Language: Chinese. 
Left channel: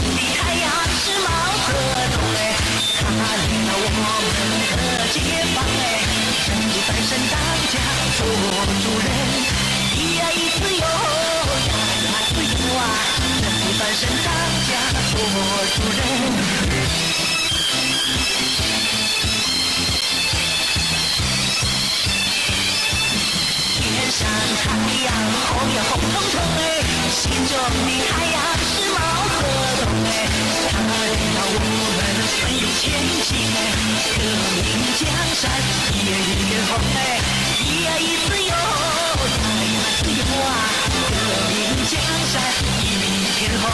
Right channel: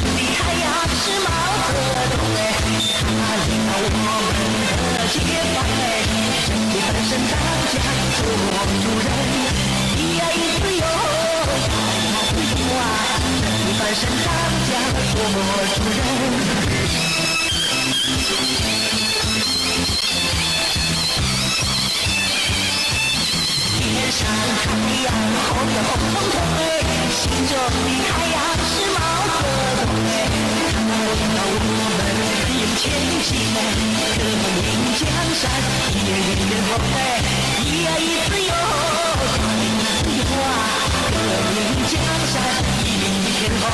的太阳是毛泽东哎，他领导我们的解放哎，胜利翻身当家做主人，一呀一自由，二呀自由啊，胜利翻身当家做主人。天上太阳后面红彤彤哎，心中的太阳是毛泽东哎，他领导我们奋勇前进哎，革命江山一列一列红哎，一呀一自由，二呀自由啊，革命江山一片红。